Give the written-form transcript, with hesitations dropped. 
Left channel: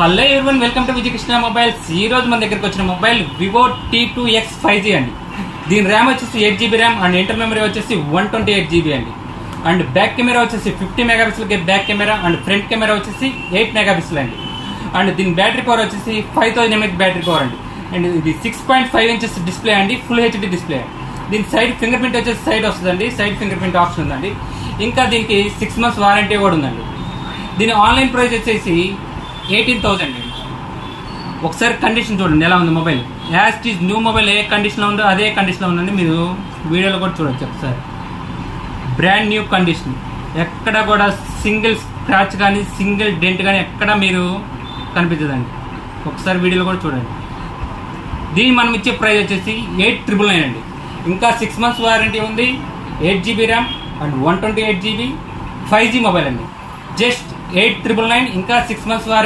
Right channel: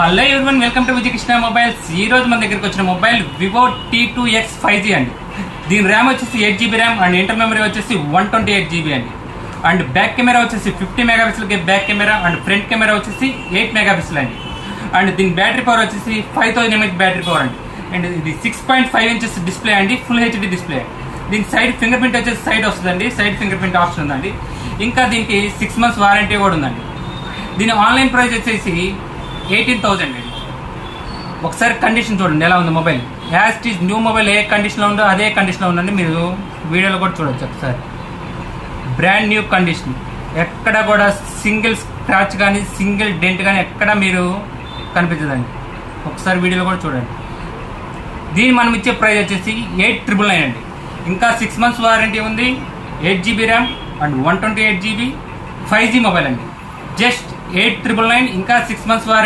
Hello everyone, welcome to Vijay Krishna mobiles. ఈ రోజు మన దగ్గరికి వచ్చిన మొబైల్ వివో T2X 5G అండి. దీని ర్యామ్ వచ్చేసి 8GB RAM and inter memory వచ్చేసి 128GB అండి. అండ్ బ్యాక్ కెమెరా వచ్చేసి 50 megapixel back camera and front camera వచ్చేసి 8 మెగాపిక్సెల్ అండి. అండ్ దీని బ్యాటరీ పవర్ వచ్చేసి 5000 mAh బ్యాటరీ పవర్ అండి. అండ్ ఇది 6.5 inches డిస్ప్లే అండి, ఫుల్ హెచ్డి డిస్ప్లే. దీని సైడ్ ఫింగర్ ప్రింట్ వచ్చేసి సైడ్ వస్తుందండి, సైడ్ ఫింగర్ ప్రింట్ ఆప్షన్ ఉందండి. ఇంకా దీనికి 6 months వారంటీ కూడా ఉందండి. దీని ఆన్లైన్ ప్రైస్ వచ్చేసి 18,000 అండి. ఒకసారి కండిషన్ చూడండి ఎలా ఉంది mobile. As is new mobile ఏ కండిషన్లో ఉందో అదే కండిషన్లో ఉందండి. మీరు వీడియోలో కూడా చూడొచ్చు ఒకసారి. బ్రాండ్ న్యూ కండిషన్, ఎక్కడ కూడా సింగిల్ స్క్రాచ్ కానీ సింగిల్ డెంట్ కానీ ఎక్కడ మీరు కనిపించదండి. ఒకసారి వీడియోలో కూడా చూడండి. దీన్ని మనం ఇచ్చే ప్రైస్ వచ్చేసి 8,999 అండి. ఇంకా 6 months వారంటీ ఉంది, 8GB RAM and 128GB 5G mobile అండి. జస్ట్ 8,999, ఇంకా 6 months వారంటీ.